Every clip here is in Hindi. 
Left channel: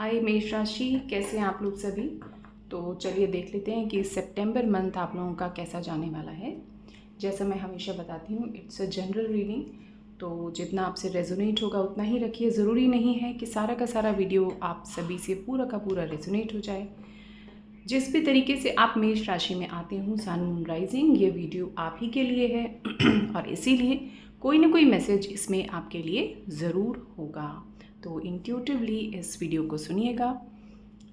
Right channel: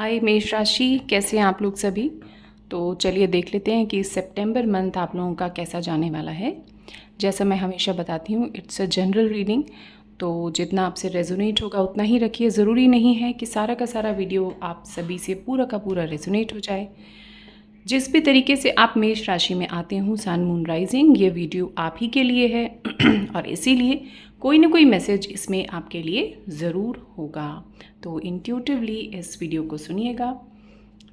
हाय मेष राशि, कैसे हैं आप लोग सभी। तो चलिए देख लेते हैं कि सितंबर मंथ आप लोगों का कैसा जाने वाला है। जैसा मैं हमेशा बताती हूँ, इट्स अ जनरल रीडिंग, तो जितना आपसे रेजोनेट होगा उतना ही रखिए। ज़रूरी नहीं है कि सारा का सारा वीडियो आप सभी से पूरा का पूरा रेजोनेट हो जाए। जिस भी तरीके से आप मेष राशि में आते हो, सन मून राइजिंग, ये वीडियो आप ही के लिए है और इसीलिए कोई ना कोई मैसेज इसमें आपके लिए ज़रूर होगा। तो इंट्यूटिवली इस वीडियो को सुनिएगा।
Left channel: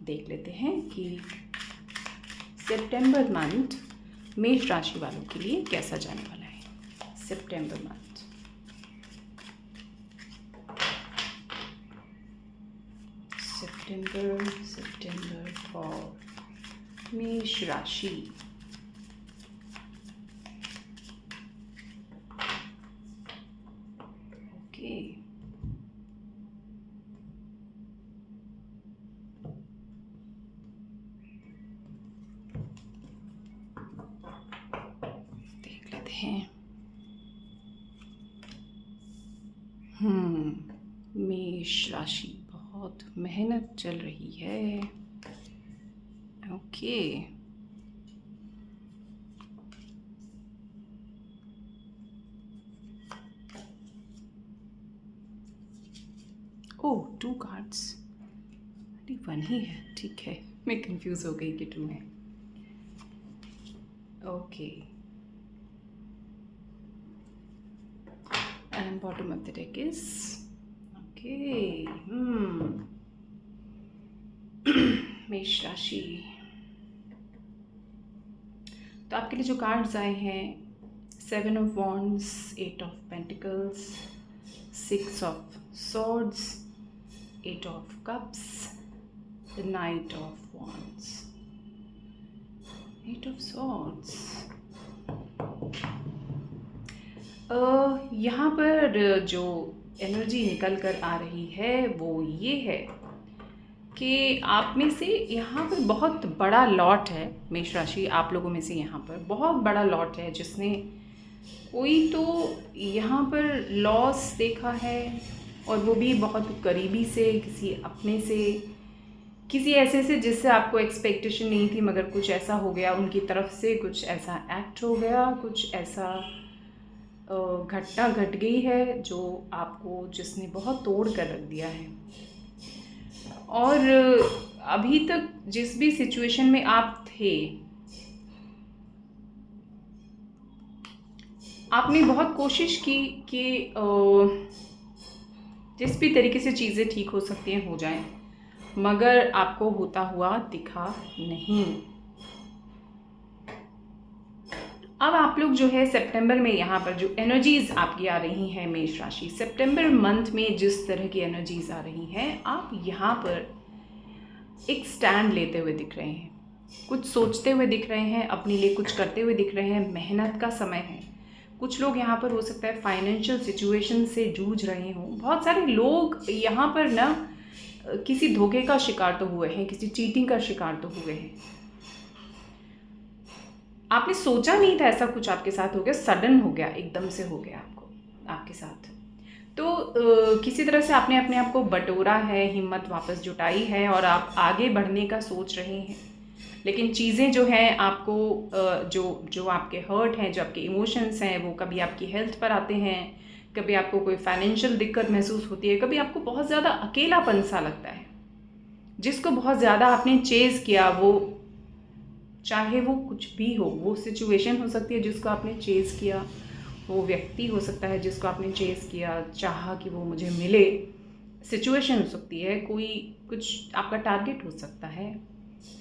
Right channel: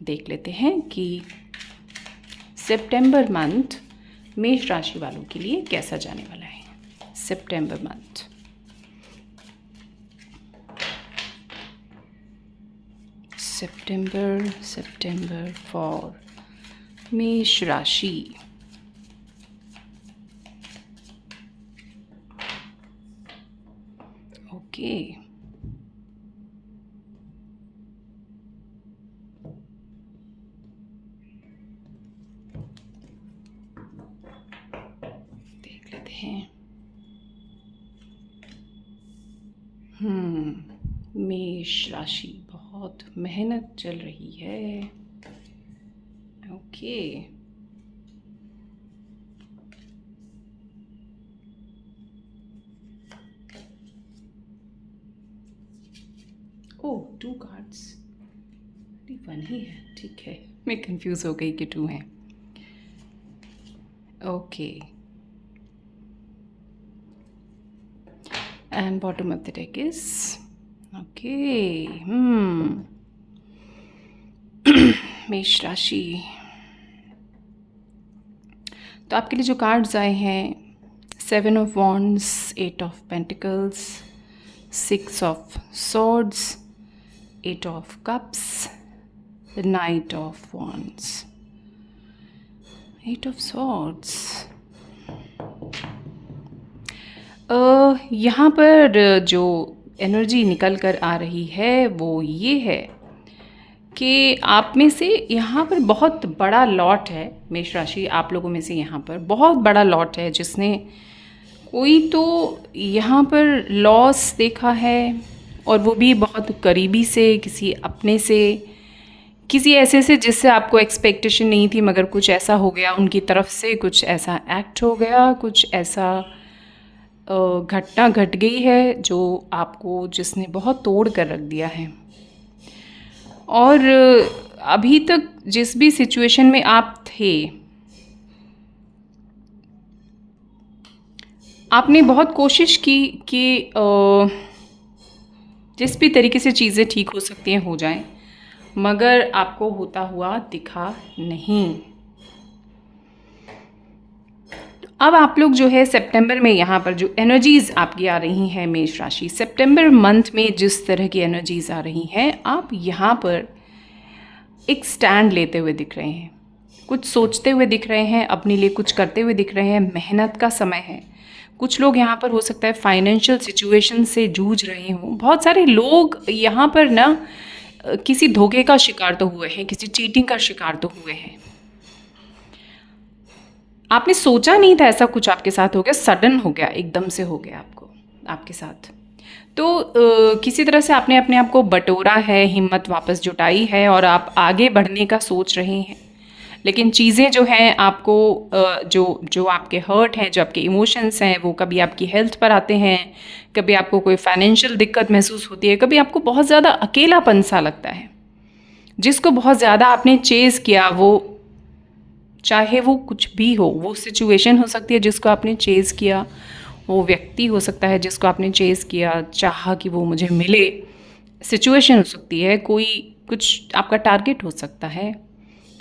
देख लेते हैं कि सितंबर मंथ मेष राशि वालों के लिए कैसा जाने वाला है। सितंबर मंथ, सितंबर फॉर मेष राशि। ओके, देख लेते हैं। मेष राशि, बहुत मेहनत चल रही है। ओके, ओह 2 कार्ड्स, अरे 1 ही है, ठीक है। मैं कंफ्यूज हो गई कि 2 हैं। Okay, and bottom of the deck is okay. मेष राशि, तो आपके लिए जो कार्ड्स आए हैं, 7 of wands, 8 of pentacles, 6 of swords, 8 of cups, the night of wands, 8 of swords. यहाँ पर जो एनर्जी निकल कर आ रही है वो ये है कि आप में से यहाँ पर बहुत बड़ा लॉट है। मेष राशि, आप लोगों में से यहाँ पर बहुत बड़ा लॉट है जिसने कोई तो यहाँ पर लॉस देखा है, और वो भी बहुत करीबी से, किसी अपने से, किसी ऐसे से जिससे आपको एक्सपेक्टेशन नहीं थी, मगर कुछ ऐसा हो गया उनकी तरफ से, कुछ ऐसा एक्ट हो गया, कुछ ऐसा घटना घट गई है जो आपको, जिसने बहुत तोड़ कर रख दिया है। और अभी तक जिस भी सिचुएशन में आप थे, आपने बहुत कोशिश की कि जिस भी तरीके से चीज़ें ठीक हो सकती हैं हो जाएं, मगर आपको होता हुआ दिखा नहीं। अब आप लोग जो है सितंबर में, यहाँ पर जो एनर्जीज़ आपकी आ रही हैं मेष राशि, सितंबर मंथ में जिस तरह की एनर्जीज़ आ रही हैं, आप यहाँ पर एक स्टैंड लेते हुए दिख रहे हैं, कुछ सोचते हुए दिख रहे हैं, अपने लिए कुछ करते हुए दिख रहे हैं। मेहनत का समय है। कुछ लोग यहाँ पर हो सकता है फाइनेंशियल सिचुएशन से जूझ रहे हों। बहुत सारे लोग यहाँ पर ना किसी धोखे का शिकार तो हुए हैं, किसी चीटिंग का शिकार तो हुए हैं। आपने सोचा नहीं था ऐसा कुछ आपके साथ हो गया, सडन हो गया, एकदम से हो गया आपको, आपके साथ। तो किसी तरह से आपने अपने आप को बटोरा है, हिम्मत वापस जुटाई है और आप आगे बढ़ने का सोच रहे हैं। लेकिन चीज़ें जो हैं आपको, जो आपके हर्ट हैं, जो आपके इमोशंस हैं, वो कभी आपकी हेल्थ पर आते हैं, कभी आपको कोई फाइनेंशियल दिक्कत महसूस होती है, कभी आपको बहुत ज़्यादा अकेलापन सा लगता है। जिसको बहुत ज़्यादा आपने चेज़ किया, वो चाहे वो कुछ भी हो, वो सिचुएशन हो सकती है जिसको आपने चेज़ किया, वो व्यक्ति हो सकता है जिसको आपने चेज़ किया, चाहा कि वो मुझे मिले, सिचुएशन हो सकती है, कोई कुछ आपका टारगेट हो सकता है।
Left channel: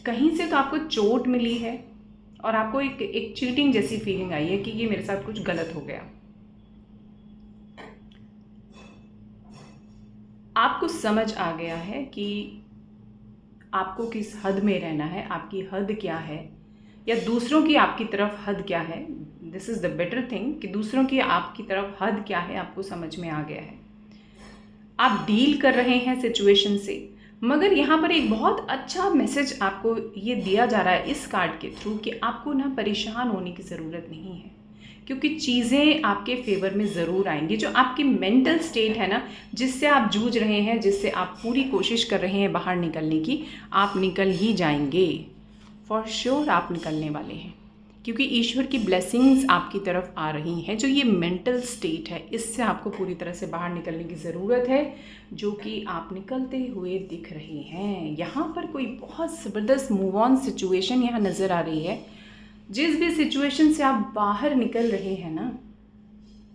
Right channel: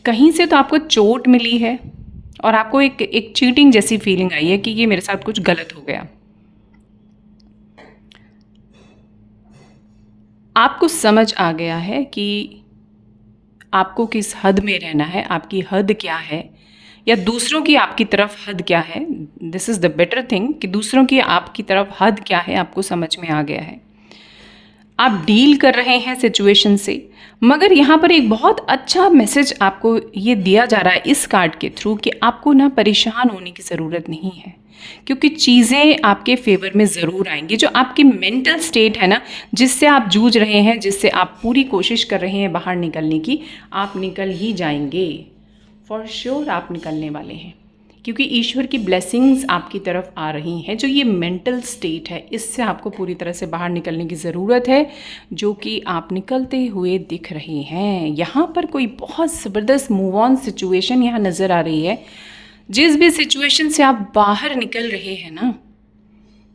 कहीं से तो आपको चोट मिली है और आपको एक चीटिंग जैसी फीलिंग आई है कि ये मेरे साथ कुछ गलत हो गया। आपको समझ आ गया है कि आपको किस हद में रहना है, आपकी हद क्या है, या दूसरों की आपकी तरफ हद क्या है। This is the better thing कि दूसरों की आपकी तरफ हद क्या है, आपको समझ में आ गया है। आप डील कर रहे हैं सिचुएशन से, मगर यहाँ पर एक बहुत अच्छा मैसेज आपको ये दिया जा रहा है इस कार्ड के थ्रू कि आपको ना परेशान होने की ज़रूरत नहीं है। क्योंकि चीज़ें आपके फेवर में ज़रूर आएंगी। जो आपकी मेंटल स्टेट है ना, जिससे आप जूझ रहे हैं, जिससे आप पूरी कोशिश कर रहे हैं बाहर निकलने की, आप निकल ही जाएंगे। फॉर श्योर आप निकलने वाले हैं, क्योंकि ईश्वर की ब्लेसिंग्स आपकी तरफ आ रही हैं। जो ये मेंटल स्टेट है, इससे आपको पूरी तरह से बाहर निकलने की ज़रूरत है, जो कि आप निकलते हुए दिख रहे हैं। यहाँ पर कोई बहुत ज़बरदस्त मूव ऑन सिचुएशन यहाँ नज़र आ रही है। जिस भी सिचुएशन से आप बाहर निकल रहे हैं ना,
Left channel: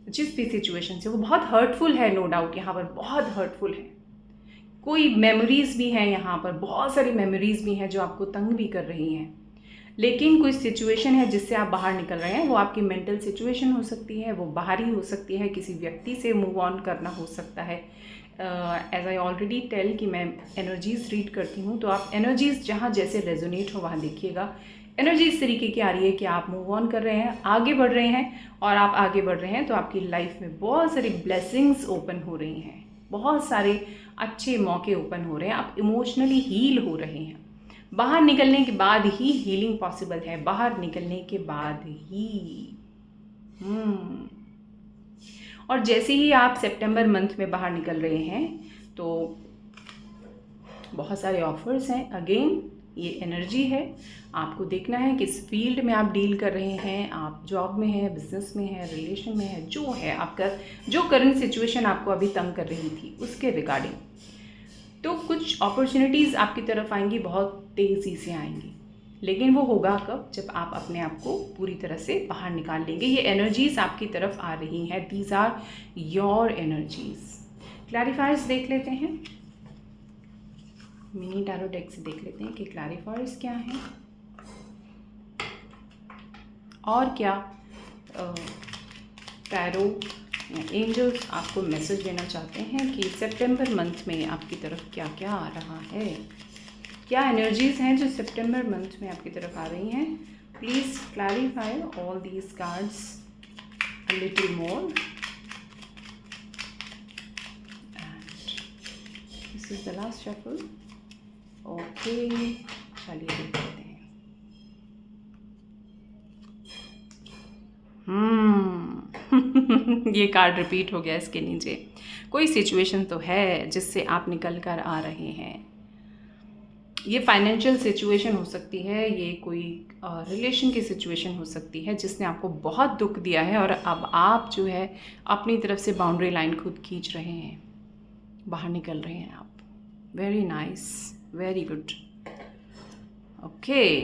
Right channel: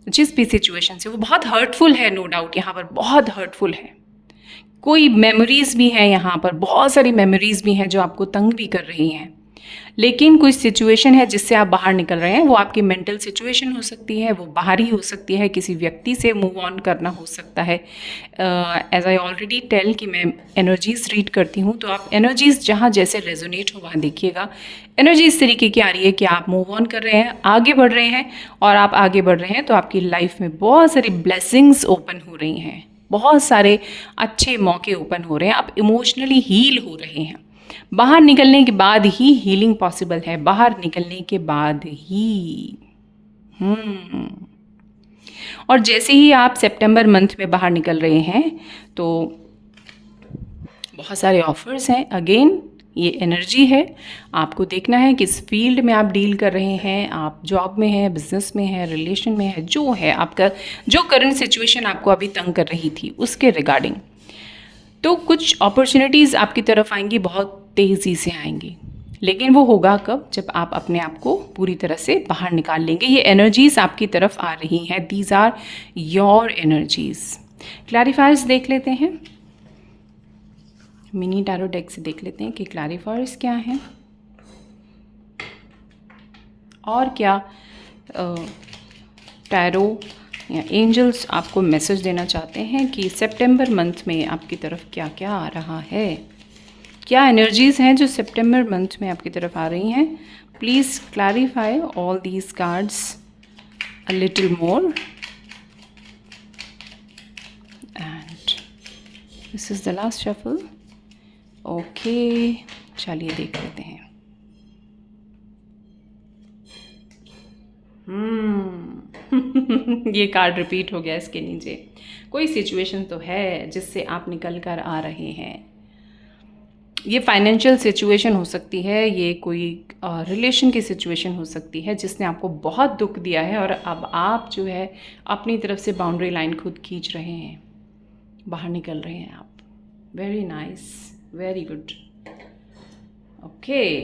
जिस भी सिचुएशन से, वो बहुत हर्टफुल है, नो डाउट यहाँ पर बहुत हर्टफुल है। कोई मेमोरीज़ भी हैं यहाँ पर, बहुत सारी मेमोरीज़ भी हैं जो आपको तंग भी कर रही हैं। लेकिन कोई सिचुएशन है जिससे आप बाहर निकल रहे हैं, वो आपकी मेंटल सिचुएशन हो सकती है, वो बाहरी हो सकती है, किसी व्यक्ति से मूव ऑन करना हो सकता है। एज आई ऑलरेडी टेल कि मैं एनर्जीज रीड करती हूँ, तो आप एनर्जीज जहाँ जैसे रेजोनेट हो वहाँ देखिएगा। एनर्जी इस तरीके की आ रही है कि आप मूव ऑन कर रहे हैं, आगे बढ़ रहे हैं, और आप आगे बढ़ रहे हैं तो आपकी लाइफ में बहुत सारी ब्लेसिंग्स ओपन हो रही हैं, बहुत सारे अच्छे मौके ओपन हो रहे हैं, आप इमोशनली हील हो रहे हैं। बाहर निकलने के बाद ही हीलिंग पॉसिबल है, बाहर निकलने के बाद ही। और जैसे ही आप सितंबर मंथ में बाहर निकल रहे हैं तो बहुत सारे ऑफर्स हैं। अगेन ये एनर्जी है, आपको देखना है किस फील्ड में आप डील कर रहे हैं, आप जॉब में हैं, बिजनेस में हैं, रिलेशन में है, जो है आपका, जो करंट सिचुएशन आपको अभी तंग कर रही थी उसके रिगार्डिंग। तो कुछ अपॉर्चुनिटीज़ आपकी तरफ आएंगी, बहुत तेज़ी से आएंगी, लेकिन वो होगा कब? जब आप अपने आप को पूरी तरह से बाहर निकाल लेंगे। ये एनर्जीज़ आपकी तरफ आ रही हैं, दीज आर योर एनर्जीज़। क्लैरिफायर्स देख लेते हैं, मिनी टैरो डेक से देख लेते हैं कि क्लैरिफायर्स क्या हैं और क्या टैरो या एंजल्स आपको मैसेज देना चाहते हैं कि सितंबर मंथ में आपकी तरफ क्या क्या आ रहा है, क्या एनर्जीज़ हैं जो सितंबर मंथ में आपकी तरफ आ रही हैं। Please clarify all these cards a little more and this is the last shuffle. Okay, चलिए देख लेते हैं। ये कार्ड रिपीट हो गया इसके नीचे। कोई सिचुएशन तो है जिससे आप निकल कर आ रहे हैं। ये फाइनेंशियल सिचुएशन हो सकती है, ये कोई रिलेशन की सिचुएशन हो सकती है जिसने आपको बहुत दुख दिया है, और अब आप जो है अपनी तरफ से बाउंड्री लाइन खुद खींच रहे हैं, बाहर निकल रहे हैं आप। Very nice, very good. Okay,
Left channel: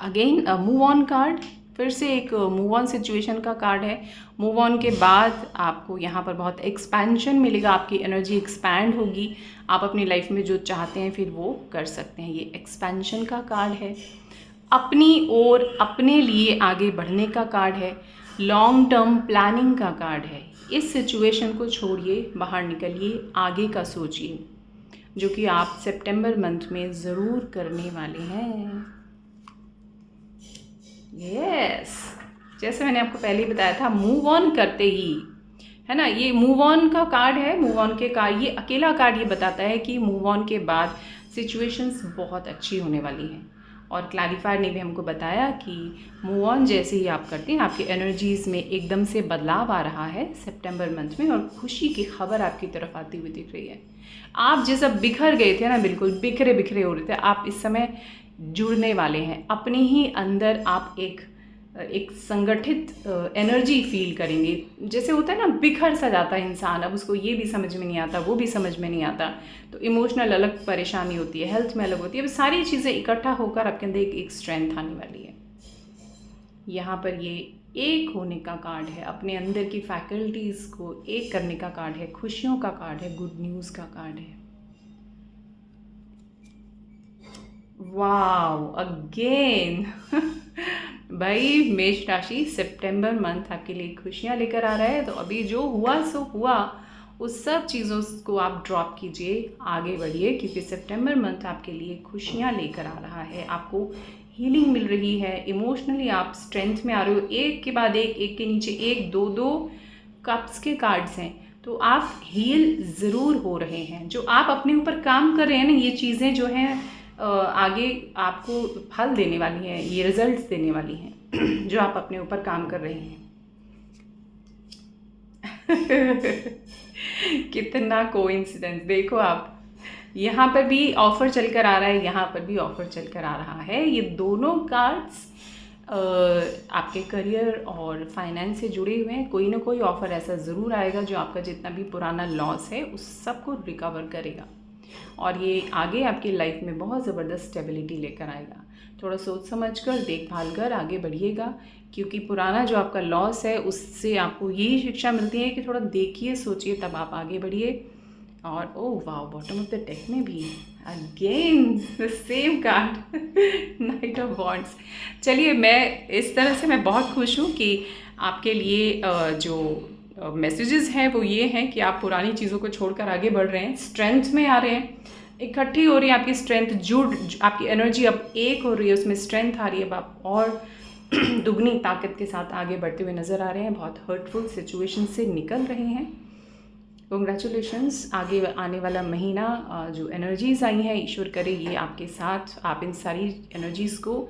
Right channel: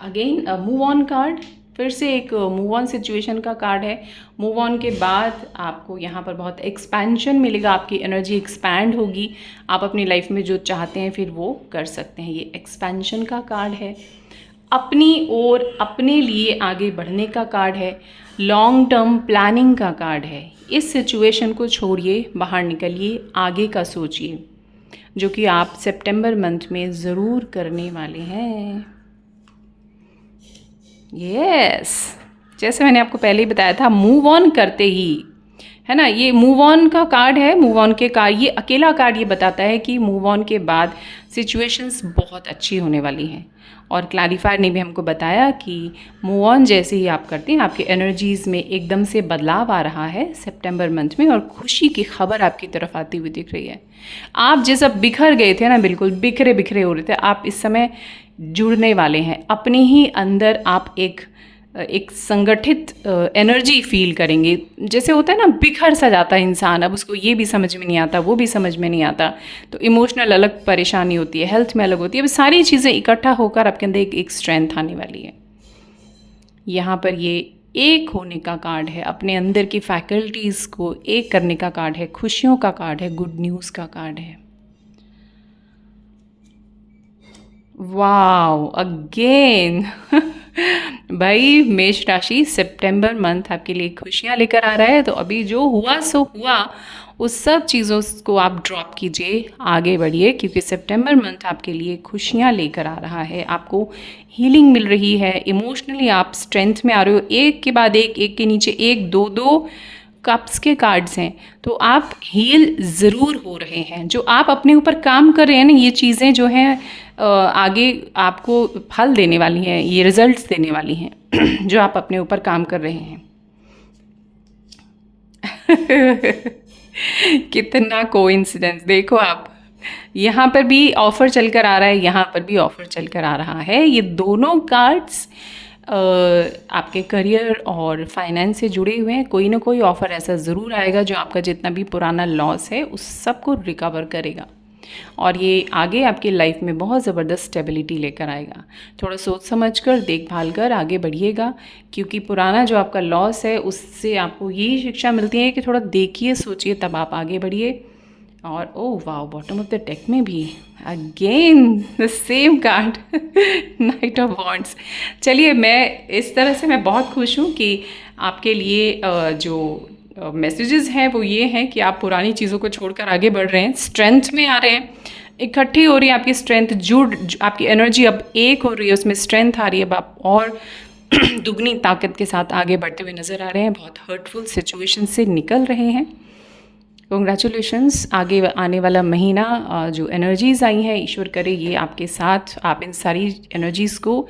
again move on card, फिर से एक मूव ऑन सिचुएशन का कार्ड है। मूव ऑन के बाद आपको यहाँ पर बहुत एक्सपेंशन मिलेगा, आपकी एनर्जी एक्सपैंड होगी, आप अपनी लाइफ में जो चाहते हैं फिर वो कर सकते हैं। ये एक्सपेंशन का कार्ड है, अपनी ओर अपने लिए आगे बढ़ने का कार्ड है, लॉन्ग टर्म प्लानिंग का कार्ड है। इस सिचुएशन को छोड़िए, बाहर निकलिए, आगे का सोचिए, जो कि आप सितंबर मंथ में ज़रूर करने वाले हैं। यस, जैसे मैंने आपको पहले ही बताया था, मूव ऑन करते ही, है ना, ये मूव ऑन का कार्ड है। मूव ऑन के कार्ड, ये अकेला कार्ड ये बताता है कि मूव ऑन के बाद सिचुएशंस बहुत अच्छी होने वाली हैं। और क्लैरिफायर ने भी हमको बताया कि मूव ऑन जैसे ही आप करते हैं, आपकी एनर्जीज़ में एकदम से बदलाव आ रहा है सितंबर मंथ में, और खुशी की खबर आपकी तरफ आती हुई दिख रही है। आप जैसा बिखर गए थे ना, बिल्कुल बिखरे बिखरे हो रहे थे, आप इस समय जुड़ने वाले हैं अपने ही अंदर। आप एक संगठित एनर्जी फील करेंगे। जैसे होता है ना, बिखर सा जाता है इंसान, अब उसको ये भी समझ में नहीं आता, वो भी समझ में नहीं आता, तो इमोशनल अलग परेशानी होती है, हेल्थ में अलग होती है। अब सारी चीज़ें इकट्ठा होकर आपके अंदर एक स्ट्रेंथ आने वाली है। यहाँ पर ये एक होने का कार्ड है, अपने अंदर की फैकल्टीज़ को एक करने का कार्ड है, खुशियों का कार्ड है, गुड न्यूज़ का कार्ड है। वाओ, अगेन भाई, मेष राशि सितंबर मंथ आपके लिए खुशियाँ लेकर आ रहा है। तो अभी जो हुआ सो हुआ, उस सब चीज़ों को आप ड्रॉप कीजिए, आगे बढ़िए, क्योंकि सितंबर मंथ आपके लिए खुशियाँ लेकर आ रहा है। आपको हीलिंग मिल रही है, इमोशनली आप स्ट्रेंथ में आ रहे हो। एक के बाद एक के नीचे एक, दो कप्स के कार्ड्स हैं, तो आप हील ज़रूर हो रहे हैं। जो आप अपने ऊपर काम कर रहे हैं ना, ये चीज़ें जो हैं आगे आपको फल देने वाली हैं, ये रिजल्ट्स देने वाली हैं जो आप अपने ऊपर काम कर रहे हैं। कितना कोइंसिडेंस, देखो आप, यहाँ पर भी ऑफ़र चल कर आ रहा है, यहाँ पर भी ऑफ़र चल कर आ रहा है। ये दोनों कार्ड्स आपके करियर और फाइनेंस से जुड़े हुए हैं। कोई ना कोई ऑफ़र ऐसा ज़रूर आएगा जो आपका जितना भी पुराना लॉस है उस सब को रिकवर करेगा, और ये आगे आपकी लाइफ में बहुत ज़बरदस्त स्टेबिलिटी लेकर आएगा। थोड़ा सोच समझ कर, देखभाल कर आगे बढ़िएगा, क्योंकि पुराना जो आपका लॉस है उससे आपको यही शिक्षा मिलती है कि थोड़ा देखिए, सोचिए, तब आप आगे बढ़िए। और ओह वाह, बॉटम ऑफ द डेक में भी again the same card, night of wands. चलिए, मैं इस तरह से मैं बहुत खुश हूँ कि आपके लिए जो मैसेजेस हैं वो ये हैं कि आप पुरानी चीज़ों को छोड़कर आगे बढ़ रहे हैं, स्ट्रेंथ में आ रहे हैं, इकट्ठी हो रही है आपकी स्ट्रेंथ, आपकी एनर्जी अब एक हो रही है, उसमें स्ट्रेंथ आ रही है, अब आप और दुगनी ताकत के साथ आगे बढ़ते हुए नज़र आ रहे हैं, बहुत हर्टफुल सिचुएशन से निकल रहे हैं। कॉन्ग्रेचुलेशंस। आगे आने वाला महीना जो एनर्जीज़ आई हैं, ईश्वर करे ये आपके साथ, आप इन सारी एनर्जीज़ को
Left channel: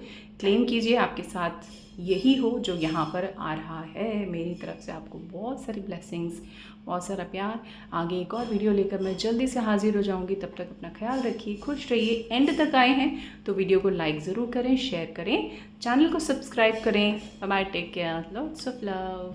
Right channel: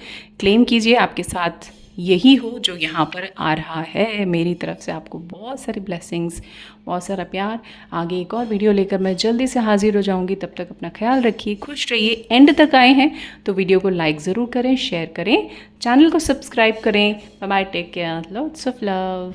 क्लेम कीजिए, आपके साथ यही हो जो यहाँ पर आ रहा है। मेरी तरफ से आपको बहुत सारी ब्लेसिंग्स, बहुत सारा प्यार। आगे एक और वीडियो लेकर मैं जल्दी से हाजिर हो जाऊँगी, तब तक अपना ख्याल रखिए, खुश रहिए। एंड तक आए हैं तो वीडियो को लाइक ज़रूर करें, शेयर करें, चैनल को सब्सक्राइब करें। Bye bye, take care, lots of love.